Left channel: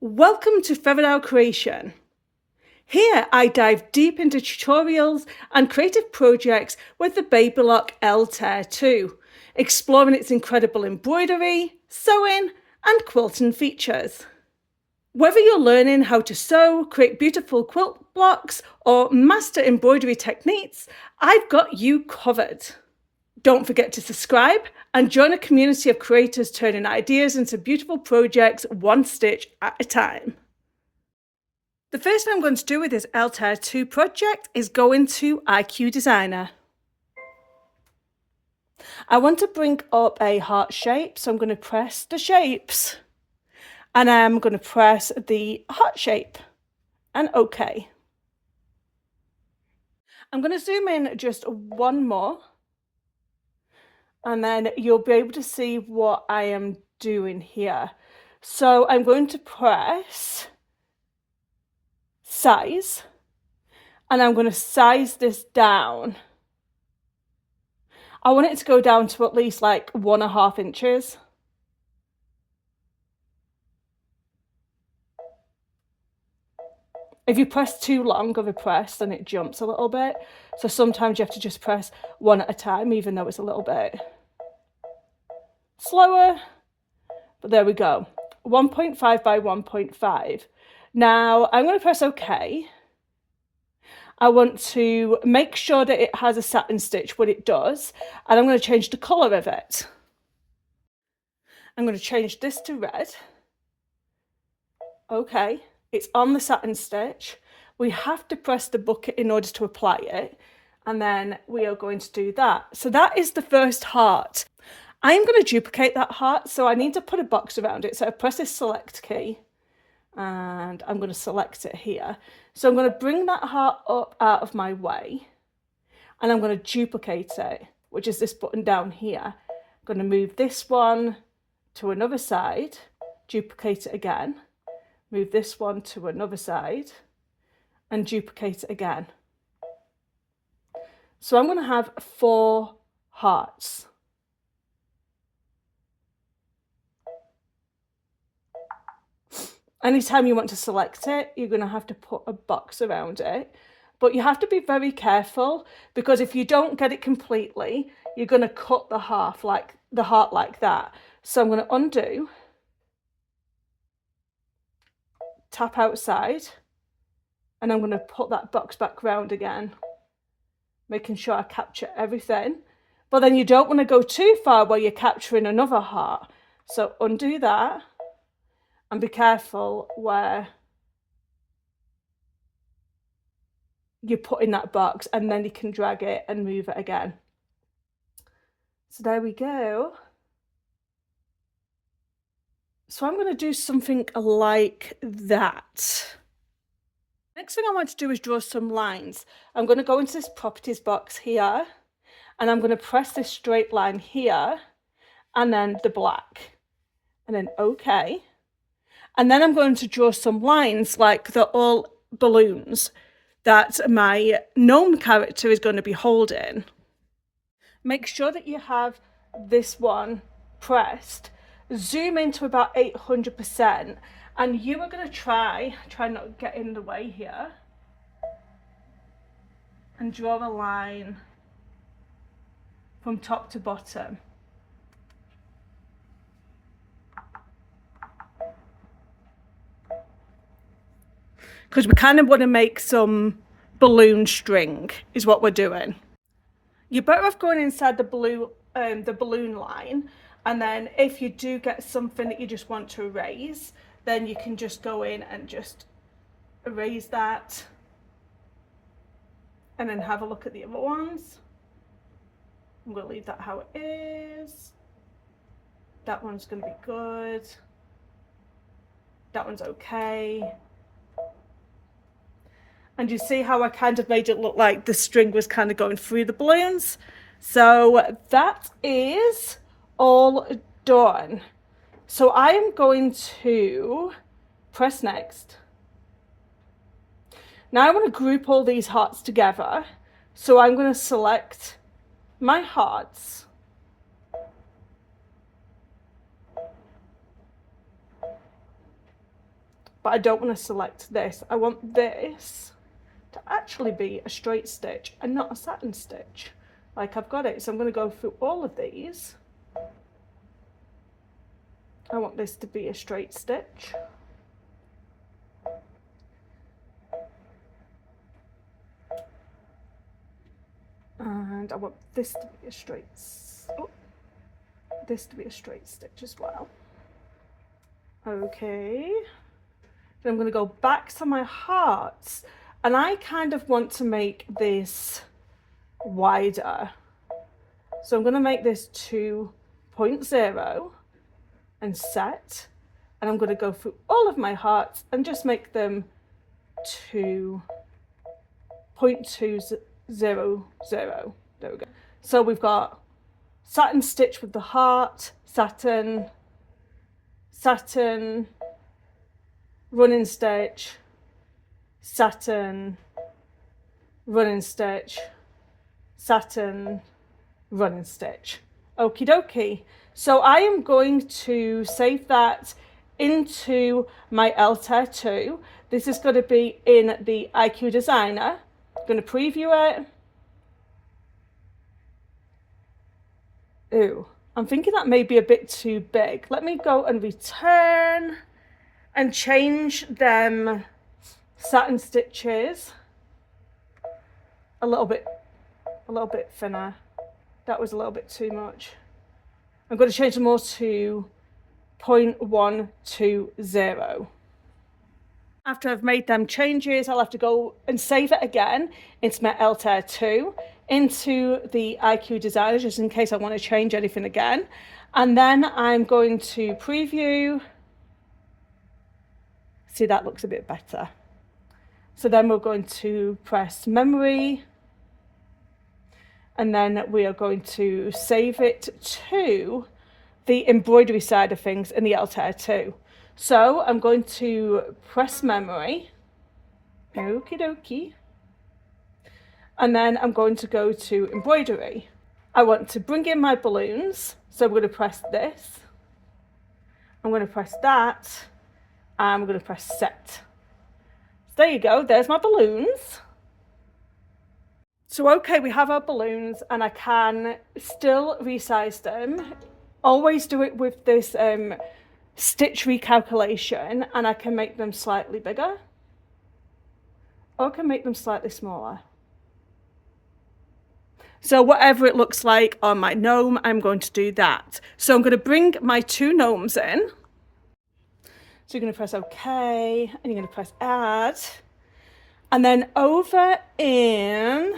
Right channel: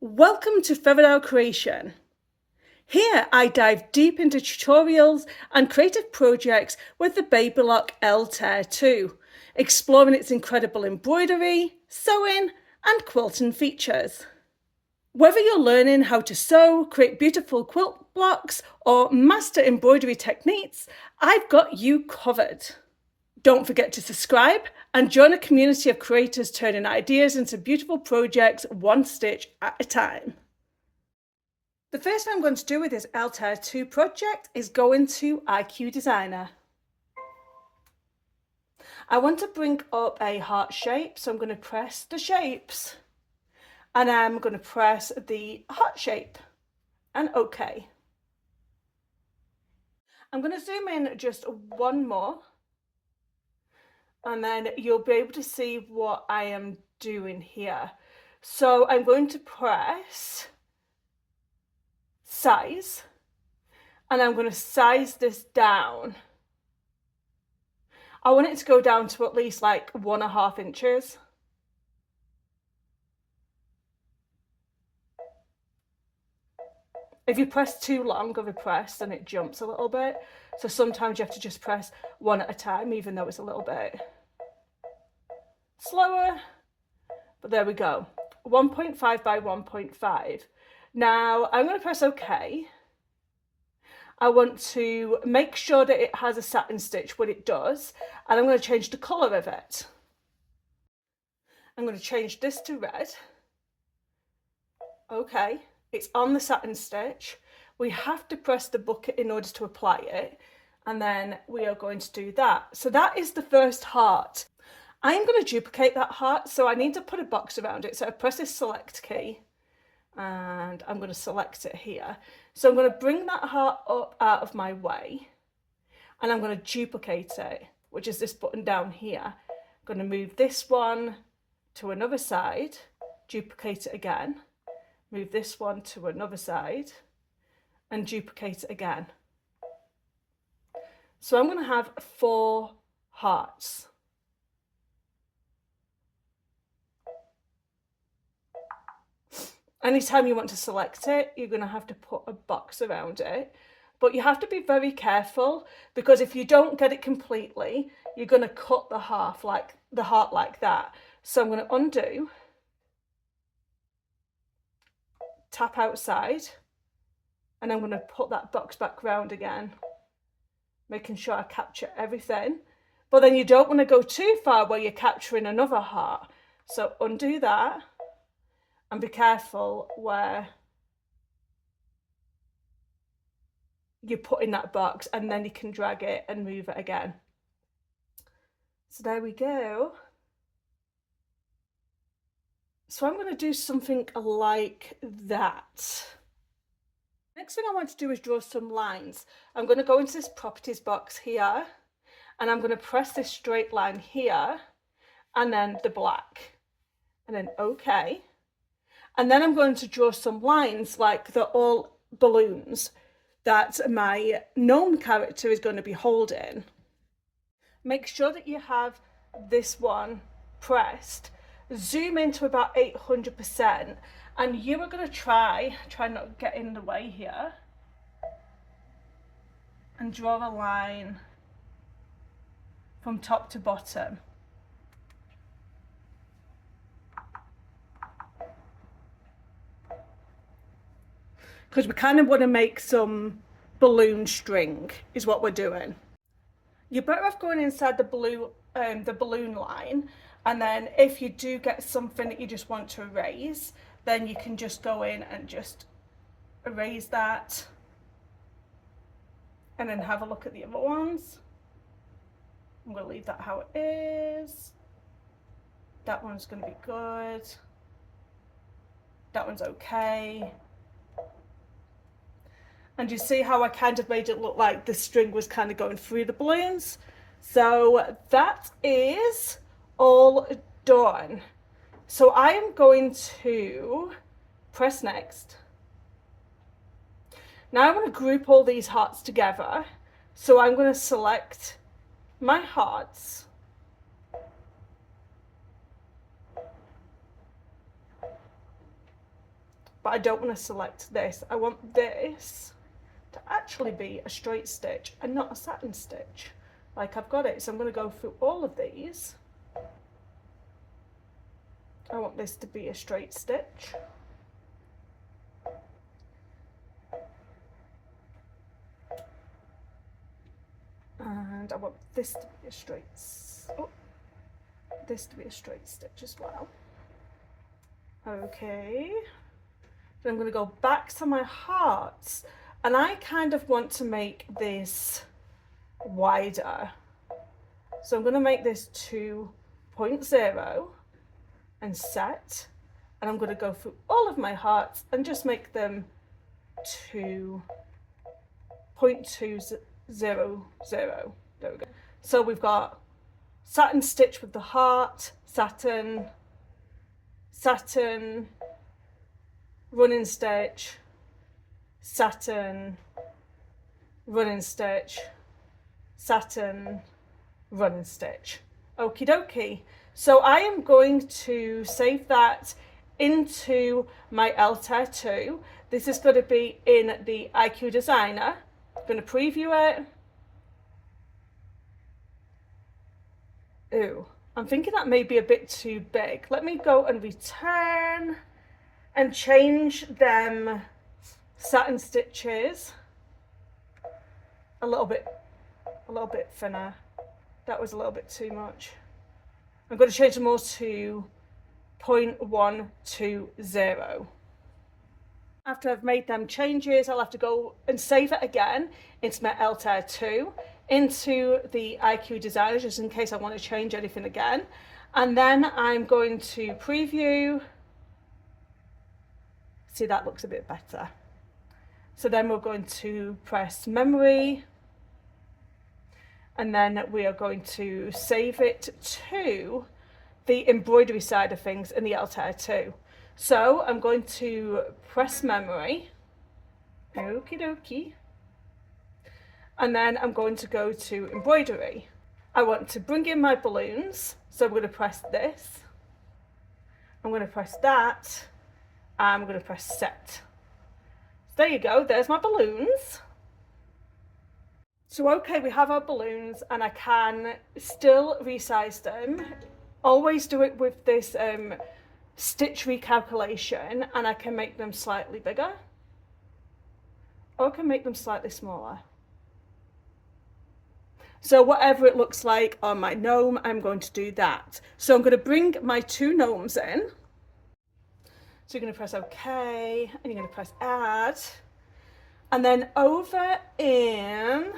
Welcome to Faodail Creation. Here I dive deep into tutorials and creative projects with the Baby Lock Altair 2, exploring its incredible embroidery, sewing and quilting features. Whether you're learning how to sew, create beautiful quilt blocks or master embroidery techniques, I've got you covered. Don't forget to subscribe and join a community of creators turning ideas into beautiful projects one stitch at a time. The first thing I'm going to do with this Altair 2 project is go into IQ Designer. I want to bring up a heart shape, so I'm going to press the shapes and I'm going to press the heart shape and OK. I'm going to zoom in just one more. And then you'll be able to see what I am doing here. So I'm going to press size and I'm going to size this down. I want it to go down to at least like 1.5 inches. If you press too long of a press, then it jumps a little bit. So sometimes you have to just press one at a time, even though it's a little bit slower. But there we go. 1.5 by 1.5. Now I'm going to press OK. I want to make sure that it has a satin stitch when it does, and I'm going to change the colour of it. I'm going to change this to red. Okay. It's on the satin stitch. We have to press the bucket in order to apply it, and then we are going to do that. So that is the first heart. I'm going to duplicate that heart, so I need to put a box around it. So I press this select key and I'm going to select it here. So I'm going to bring that heart up out of my way and I'm going to duplicate it, which is this button down here. I'm going to move this one to another side, duplicate it again. Move this one to another side and duplicate it again. So I'm going to have 4 hearts. Anytime you want to select it, you're going to have to put a box around it. But you have to be very careful, because if you don't get it completely, you're going to cut the heart like that. So I'm going to undo, tap outside, and I'm going to put that box back round again, making sure I capture everything. But then you don't want to go too far where you're capturing another heart. So undo that and be careful where you put in that box, and then you can drag it and move it again. So there we go. So I'm going to do something like that. Next thing I want to do is draw some lines. I'm going to go into this properties box here and I'm going to press this straight line here and then the black and then OK. And then I'm going to draw some lines like they're all balloons that my gnome character is going to be holding. Make sure that you have this one pressed. Zoom into about 800%, and you are going to try not to get in the way here, and draw a line from top to bottom. Because we kind of want to make some balloon string is what we're doing. You're better off going inside the balloon line, and then if you do get something that you just want to erase, then you can just go in and just erase that and then have a look at the other ones. I'm going to leave that how it is. That one's going to be good. That one's okay. And you see how I kind of made it look like the string was kind of going through the balloons. So that is all done. So I am going to press next. Now I want to group all these hearts together. So I'm going to select my hearts. but I don't want to select this. I want this to actually be a straight stitch and not a satin stitch like I've got it. So I'm going to go through all of these. I want this to be a straight stitch. And I want this to be a straight, this to be a straight stitch as well. Okay. Then I'm going to go back to my hearts, and I kind of want to make this wider. So I'm going to make this 2.0 and set, and I'm going to go through all of my hearts and just make them 2.200. There we go. So we've got satin stitch with the heart, satin, satin, running stitch, satin, running stitch, satin, running stitch. Okie dokie. So I am going to save that into my Altair 2. This is going to be in the IQ Designer. I'm going to preview it. Ooh, I'm thinking that may be a bit too big. Let me go and return and change them satin stitches a little bit thinner. That was a little bit too much. I'm going to change them all to 0.120. After I've made them changes, I'll have to go and save it again into my Altair 2, into the IQ Designer, just in case I want to change anything again. And then I'm going to preview. See, that looks a bit better. So then we're going to press memory, and then we are going to save it to the embroidery side of things in the Altair 2. So I'm going to press memory, okie dokie, and then I'm going to go to embroidery. I want to bring in my balloons, so I'm going to press this, I'm going to press that, and I'm going to press set. So there you go, there's my balloons. So okay, we have our balloons, and I can still resize them. Always do it with this stitch recalculation, and I can make them slightly bigger, or I can make them slightly smaller. So whatever it looks like on my gnome, I'm going to do that. So I'm going to bring my 2 gnomes in. So you're going to press OK, and you're going to press add, and then over in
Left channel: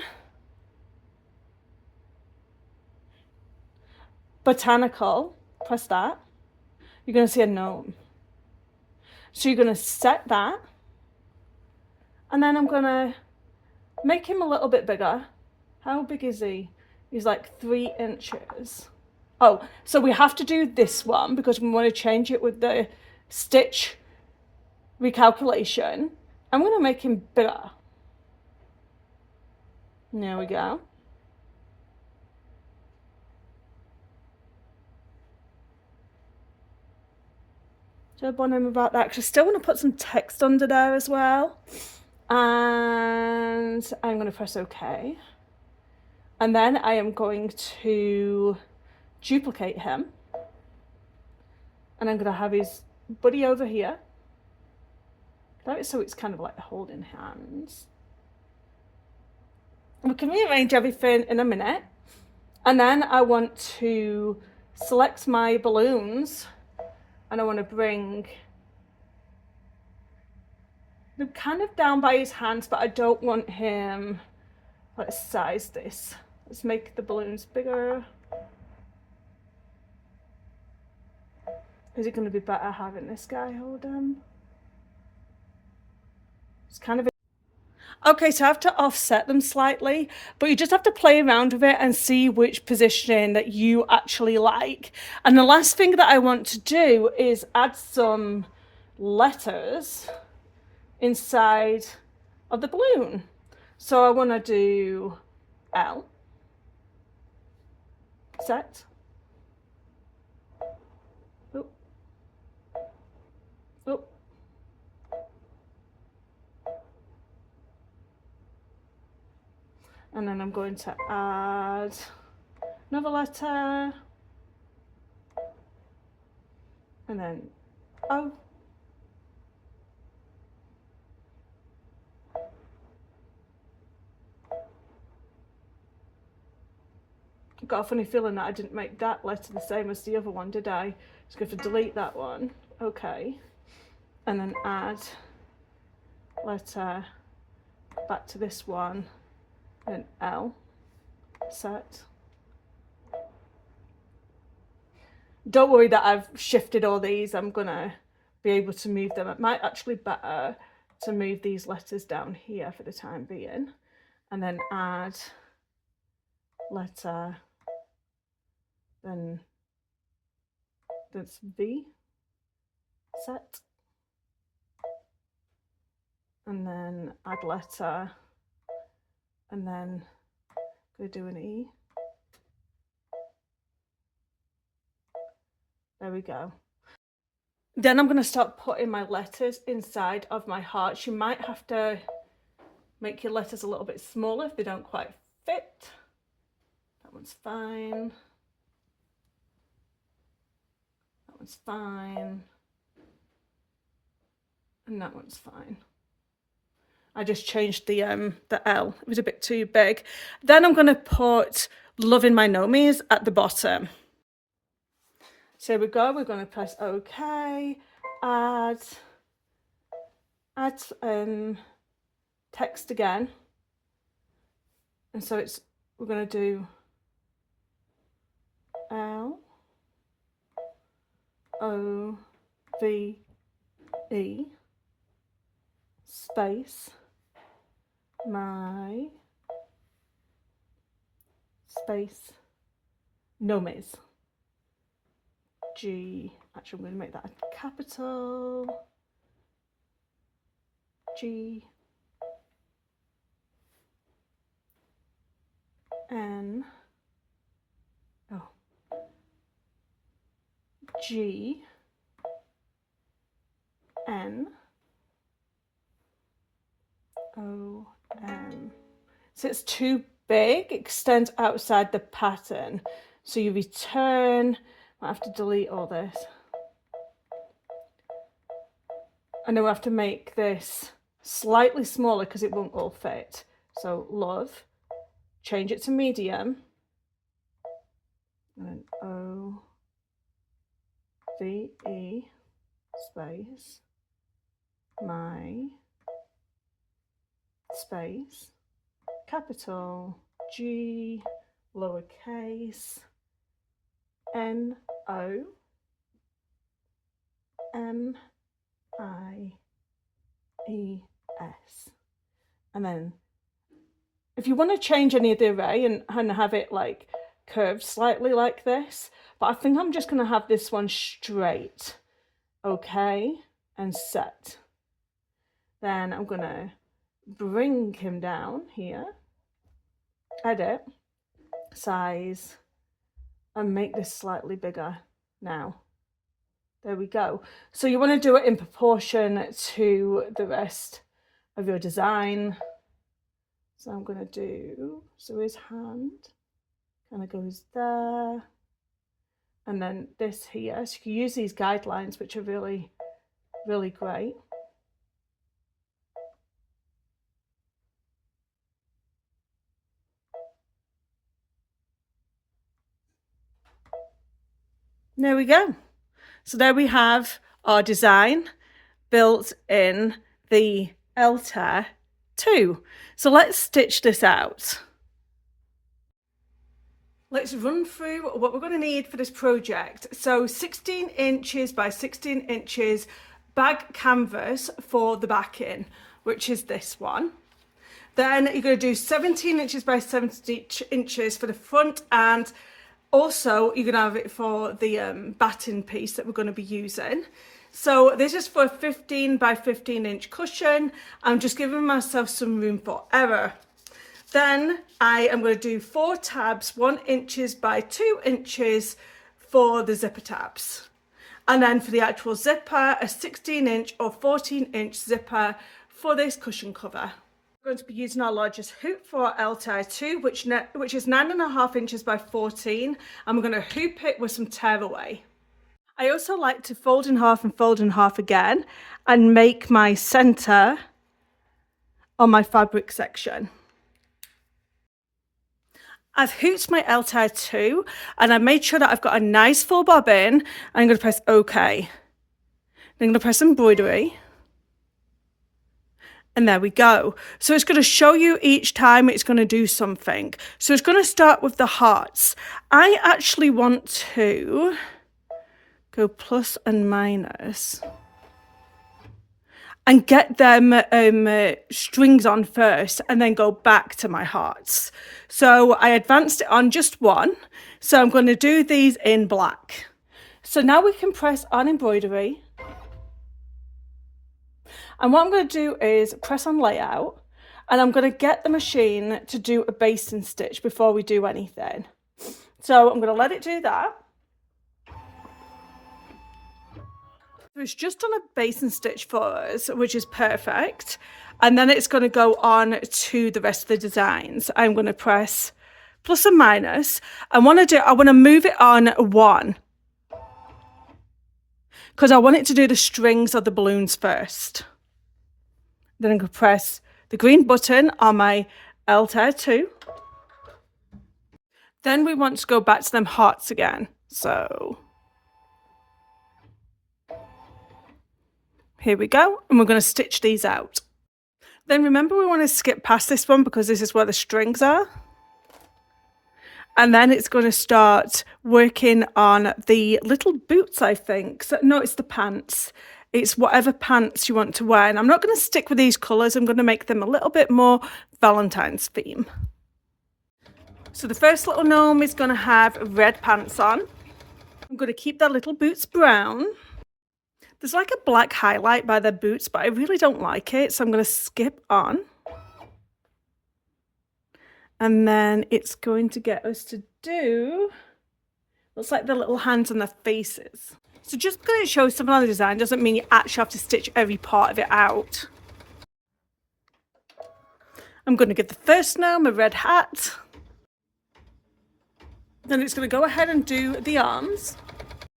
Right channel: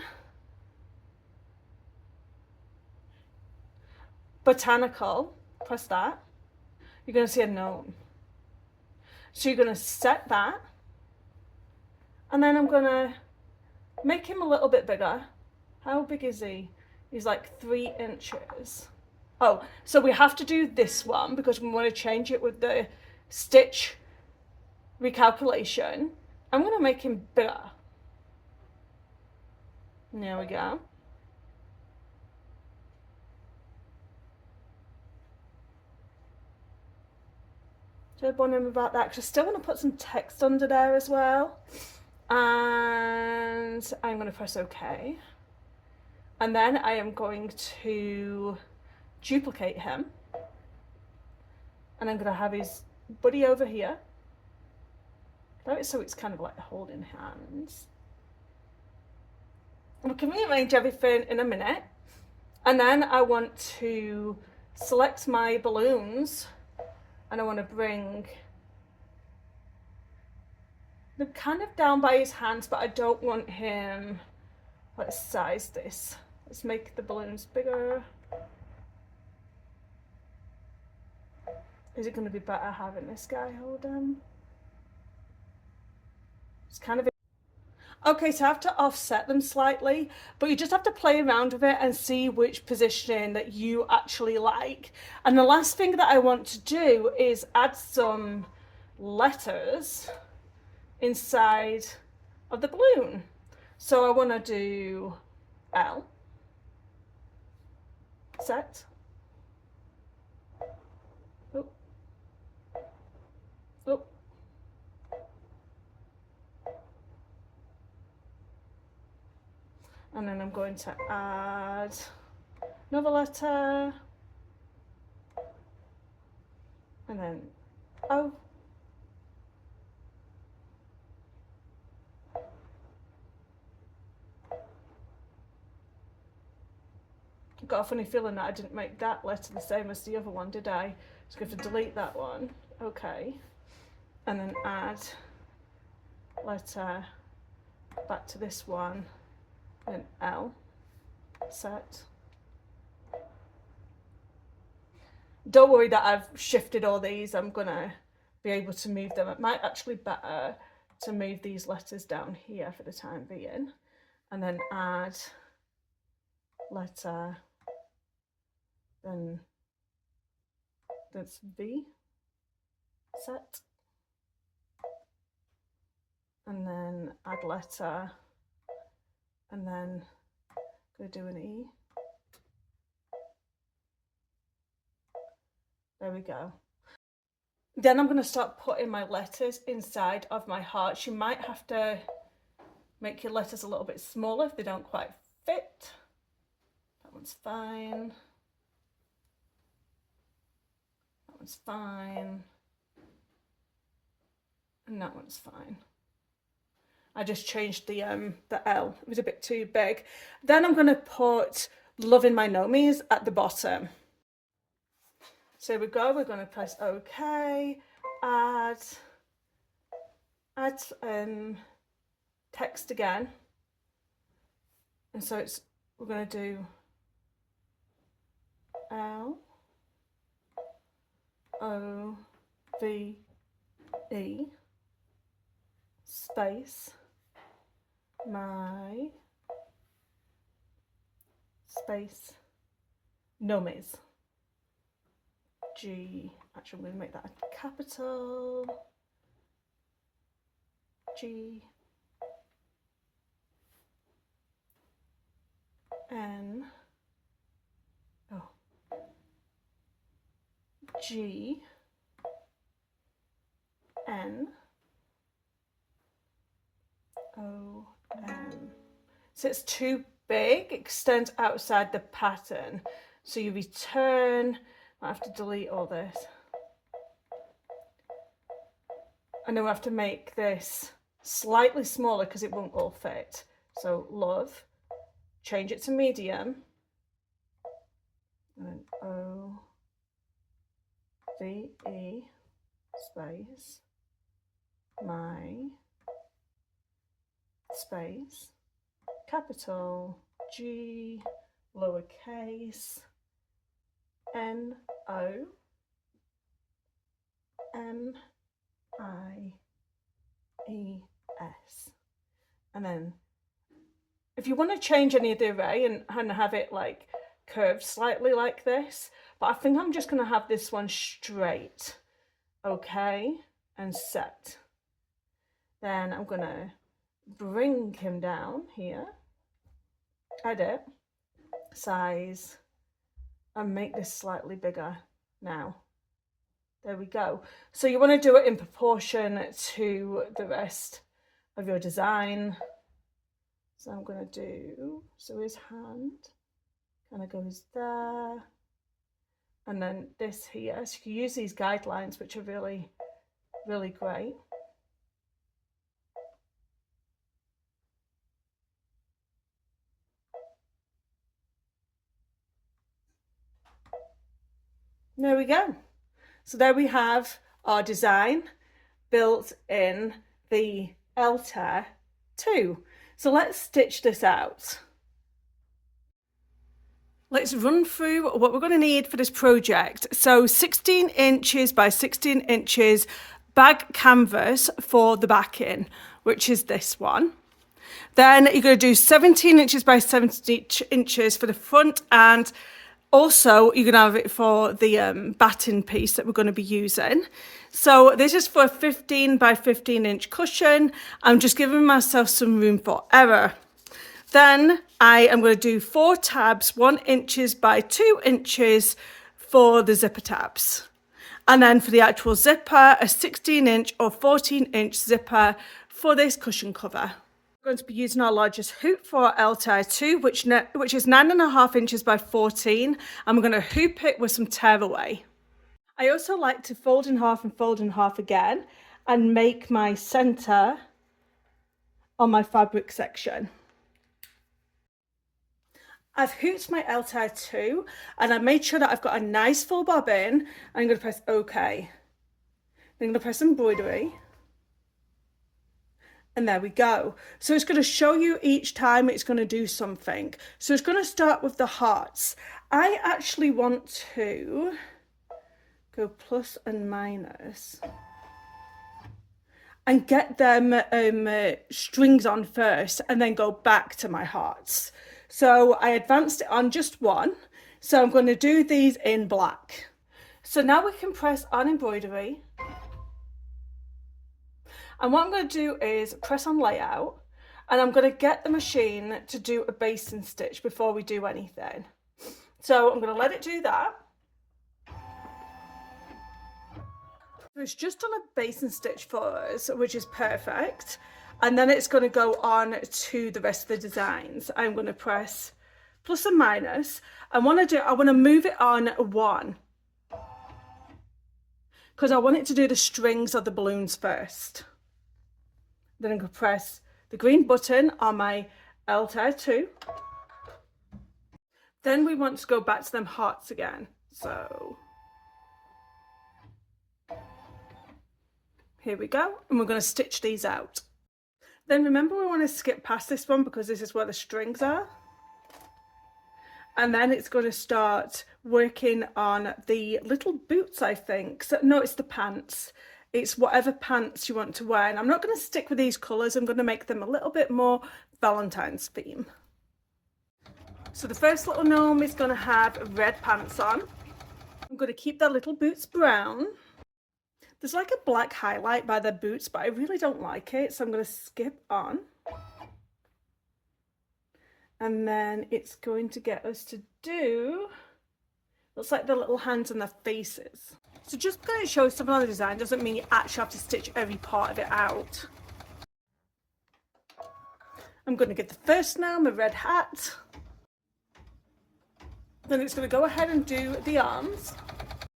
botanical, press that. You're going to see a gnome. So you're going to set that, and then I'm going to make him a little bit bigger. How big is he? He's like 3 inches. Oh, so we have to do this one because we want to change it with the stitch recalculation. I'm going to make him bigger. There we go. So I'm wondering about that, because I still want to put some text under there as well. And I'm going to press OK. And then I am going to duplicate him. And I'm going to have his buddy over here. So it's kind of like holding hands. We can rearrange everything in a minute. And then I want to select my balloons, and I want to bring them kind of down by his hands, but I don't want him. Let's size this. Let's make the balloons bigger. Is it going to be better having this guy hold him? It's kind of. Okay, so I have to offset them slightly, but you just have to play around with it and see which position that you actually like. And the last thing that I want to do is add some letters inside of the balloon. So I want to do L, set, oh, oh, And then I'm going to add another letter, and then O. I've got a funny feeling that I didn't make that letter the same as the other one, did I? Just going to delete that one. Okay. And then add letter back to this one, then L, set. Don't worry that I've shifted all these, I'm gonna be able to move them. It might actually be better to move these letters down here for the time being, and then add letter, then that's V, set, and then add letter, and then go do an E. There we go. Then I'm going to start putting my letters inside of my hearts. You might have to make your letters a little bit smaller if they don't quite fit. That one's fine. That one's fine. And that one's fine. I just changed the L. It was a bit too big. Then I'm going to put Loving My Nomies at the bottom. So here we go, we're going to press OK, add text again. And so we're going to do L O V E space my space nomies. G, actually I'm going to make that a capital G N G N O M. So it's too big, extends outside the pattern. So you return. I have to delete all this. And then we have to make this slightly smaller because it won't all fit. So love, change it to medium, and then O V E space my space capital G lowercase N O M I E S. And then if you want to change any of the array and have it like curved slightly like this, but I think I'm just going to have this one straight. Okay, and set. Then I'm going to bring him down here, edit, size, and make this slightly bigger now. There we go. So you want to do it in proportion to the rest of your design. So I'm going to do, so his hand kind of goes there. And then this here, so you can use these guidelines, which are really, really great. There we go. So there we have our design built in the Altair 2. So let's stitch this out. Let's run through what we're going to need for this project. So 16 inches by 16 inches bag canvas for the backing, which is this one. Then you're going to do 17 inches by 17 inches for the front, and also you're going to have it for the batting piece that we're going to be using. So this is for a 15 by 15 inch cushion. I'm just giving myself some room for error. Then I am going to do 4 tabs, 1 inches by 2 inches for the zipper tabs. And then for the actual zipper, a 16 inch or 14 inch zipper for this cushion cover. We're going to be using our largest hoop for our Altair 2, which is 9.5 inches by 14, and we're going to hoop it with some tearaway. I also like to fold in half and fold in half again and make my centre on my fabric section. I've hooped my Altair 2 and I made sure that I've got a nice full bobbin. I'm going to press OK. Then I'm going to press embroidery. And there we go. So it's going to show you each time it's going to do something. So it's going to start with the hearts. I actually want to go plus and minus and get them strings on first and then go back to my hearts. So I advanced it on just one. So I'm going to do these in black. So now we can press on embroidery. And what I'm going to do is press on layout, and I'm going to get the machine to do a basting stitch before we do anything. So I'm going to let it do that. So it's just done a basting stitch for us, which is perfect. And then it's going to go on to the rest of the designs. I'm going to press plus and minus. I want to move it on one, because I want it to do the strings of the balloons first. Then I'm going to press the green button on my Altair 2. Then we want to go back to them hearts again. So here we go. And we're going to stitch these out. Then remember, we want to skip past this one because this is where the strings are. And then it's going to start working on the little boots, I think. So, no, it's the pants. It's whatever pants you want to wear. And I'm not going to stick with these colours. I'm going to make them a little bit more Valentine's theme. So the first little gnome is going to have red pants on. I'm going to keep their little boots brown. There's like a black highlight by their boots, but I really don't like it. So I'm going to skip on. And then it's going to get us to do, looks like the little hands and their faces. So just because it shows something on the design doesn't mean you actually have to stitch every part of it out. I'm going to give the first gnome a red hat. Then it's going to go ahead and do the arms.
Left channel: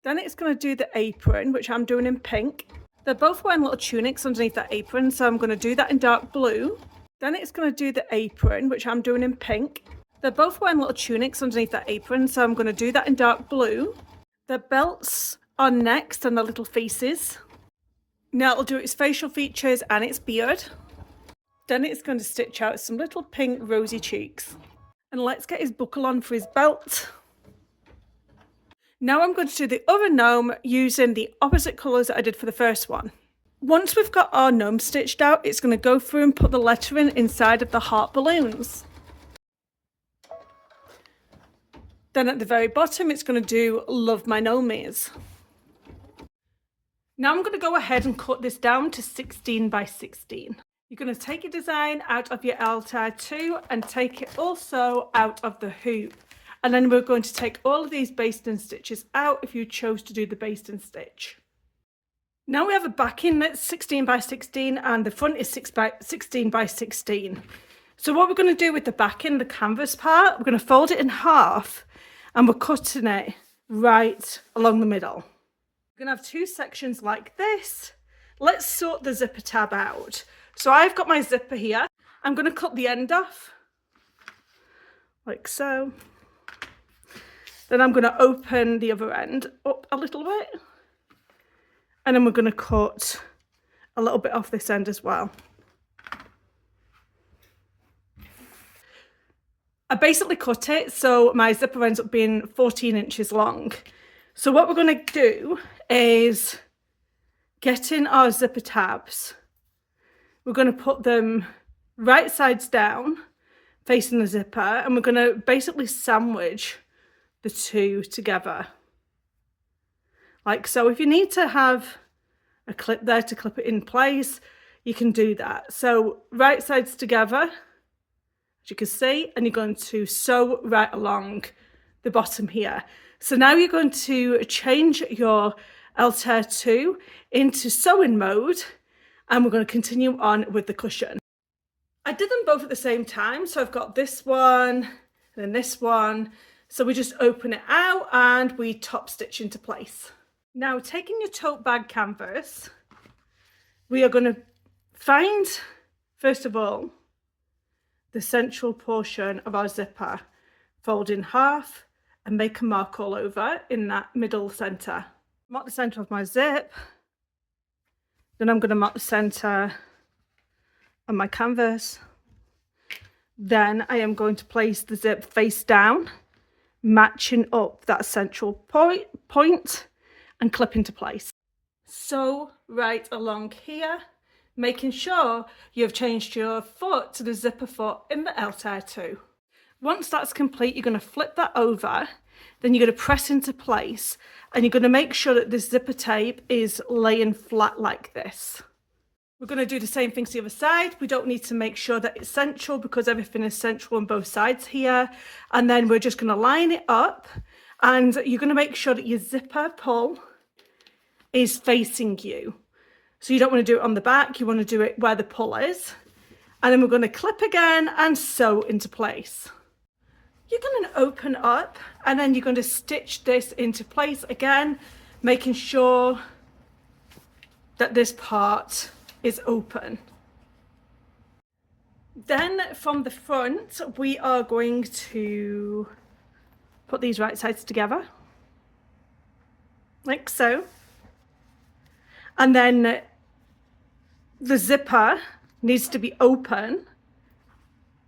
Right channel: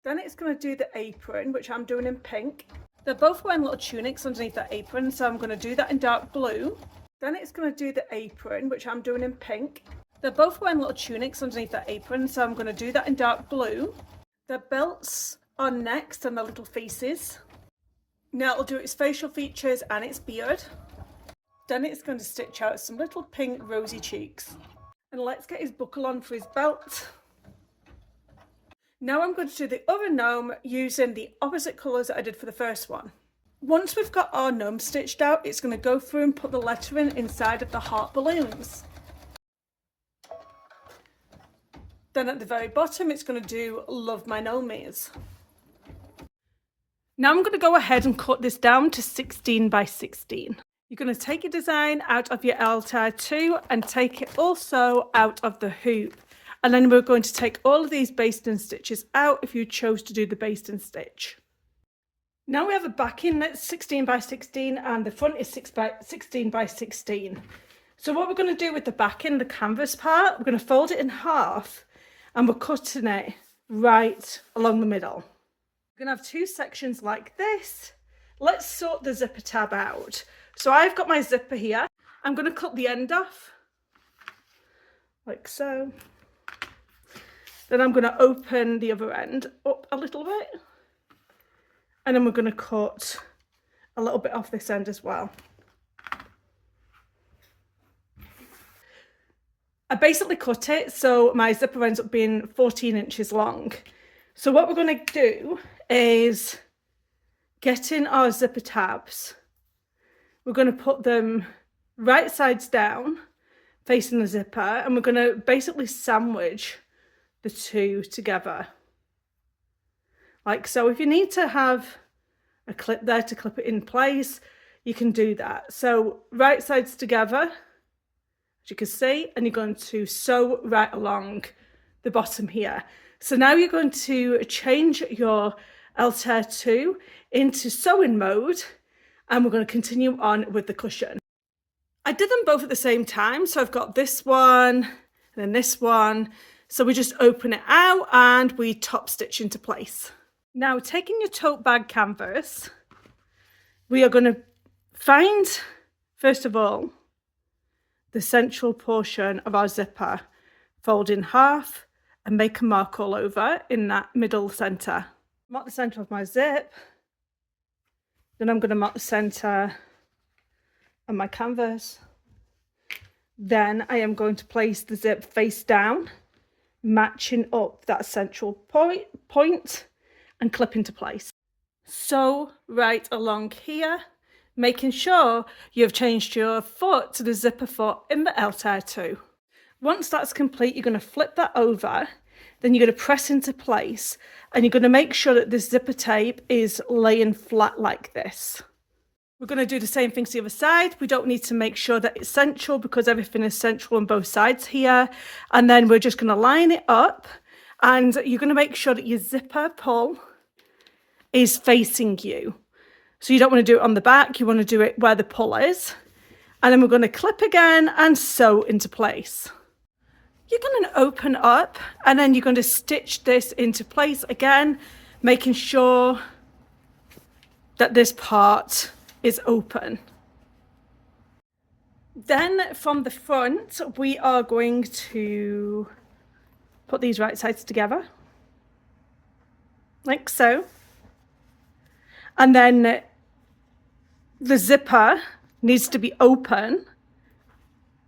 Then it's going to do the apron, which I'm doing in pink. They're both wearing little tunics underneath that apron, so I'm going to do that in dark blue. Then it's going to do the apron, which I'm doing in pink. They're both wearing little tunics underneath that apron, so I'm going to do that in dark blue. Their belts are next and the little faces. Now it'll do its facial features and its beard. Then it's going to stitch out some little pink rosy cheeks. And let's get his buckle on for his belt. Now I'm going to do the other gnome using the opposite colours that I did for the first one. Once we've got our gnome stitched out, it's going to go through and put the lettering inside of the heart balloons. Then at the very bottom, it's going to do Love My Gnomies. Now I'm going to go ahead and cut this down to 16 by 16. You're going to take your design out of your Altair 2 and take it also out of the hoop. And then we're going to take all of these basting stitches out if you chose to do the basting stitch. Now we have a backing that's 16 by 16 and the front is 16 by 16. So what we're going to do with the backing, the canvas part, we're going to fold it in half and we're cutting it right along the middle. We're going to have two sections like this. Let's sort the zipper tab out. So I've got my zipper here. I'm going to cut the end off like so. Then I'm going to open the other end up a little bit. And then we're going to cut a little bit off this end as well. I basically cut it so my zipper ends up being 14 inches long. So what we're going to do is get in our zipper tabs. We're going to put them right sides down facing the zipper, and we're going to basically sandwich the two together. Like so. If you need to have a clip there to clip it in place, you can do that. So right sides together, as you can see, and you're going to sew right along the bottom here. So now you're going to change your Altair 2 into sewing mode, and we're going to continue on with the cushion. I did them both at the same time, so I've got this one and then this one. So we just open it out and we top stitch into place. Now, taking your tote bag canvas, we are going to find, first of all, the central portion of our zipper, fold in half and make a mark all over in that middle center. Mark the center of my zip, then I'm going to mark the center on my canvas. Then I am going to place the zip face down, matching up that central point and clip into place. Sew right along here, making sure you've changed your foot to the zipper foot in the Altair 2. Once that's complete, you're going to flip that over, then you're going to press into place, and you're going to make sure that the zipper tape is laying flat like this. We're going to do the same thing to the other side. We don't need to make sure that it's central because everything is central on both sides here. And then we're just going to line it up, and you're going to make sure that your zipper pull is facing you. So you don't want to do it on the back, you want to do it where the pull is. And then we're going to clip again and sew into place. You're going to open up and then you're going to stitch this into place again, making sure that this part is open. Then from the front, we are going to put these right sides together, like so. And then the zipper needs to be open.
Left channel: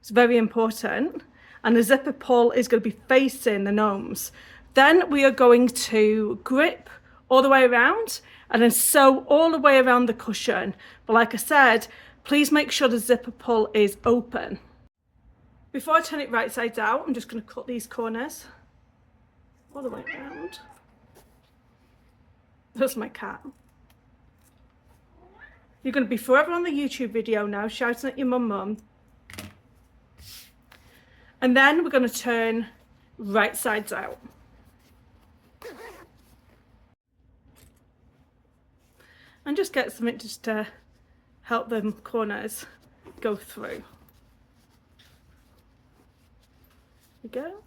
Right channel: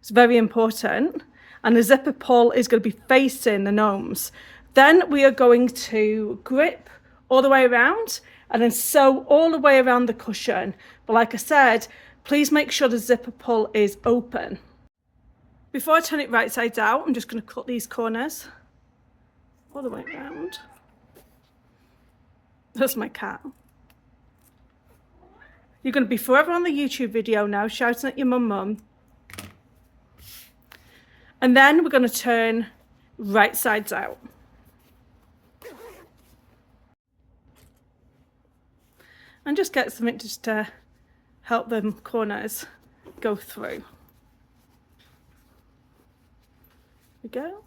It's very important. And the zipper pull is going to be facing the gnomes. Then we are going to grip all the way around and then sew all the way around the cushion. But like I said, please make sure the zipper pull is open. Before I turn it right sides out, I'm just going to cut these corners all the way around. That's my cat. You're going to be forever on the YouTube video now, shouting at your mum. And then we're going to turn right sides out. And just get something just to help them corners go through. There we go.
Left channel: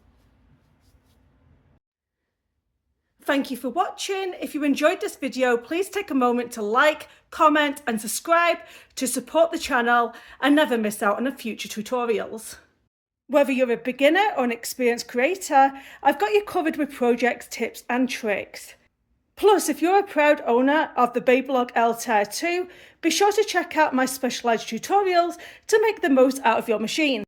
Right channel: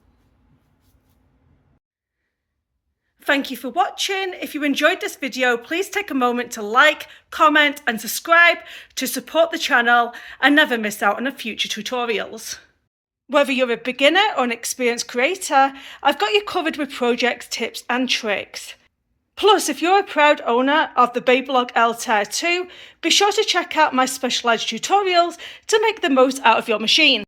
Thank you for watching. If you enjoyed this video, please take a moment to like, comment and subscribe to support the channel and never miss out on the future tutorials. Whether you're a beginner or an experienced creator, I've got you covered with projects, tips and tricks. Plus, if you're a proud owner of the Baby Lock Altair 2, be sure to check out my specialised tutorials to make the most out of your machine.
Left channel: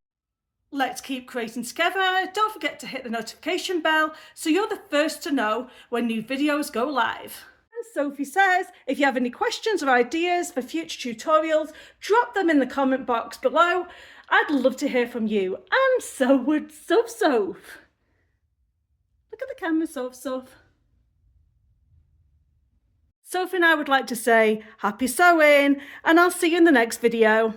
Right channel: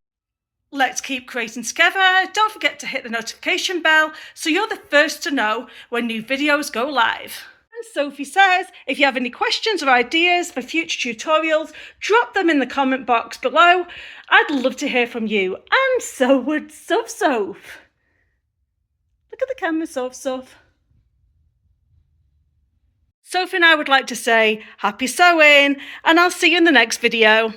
Let's keep creating together. Don't forget to hit the notification bell so you're the first to know when new videos go live. And Sophie says, if you have any questions or ideas for future tutorials, drop them in the comment box below. I'd love to hear from you, and so would Soph. Look at the camera, Soph. Sophie and I would like to say happy sewing, and I'll see you in the next video.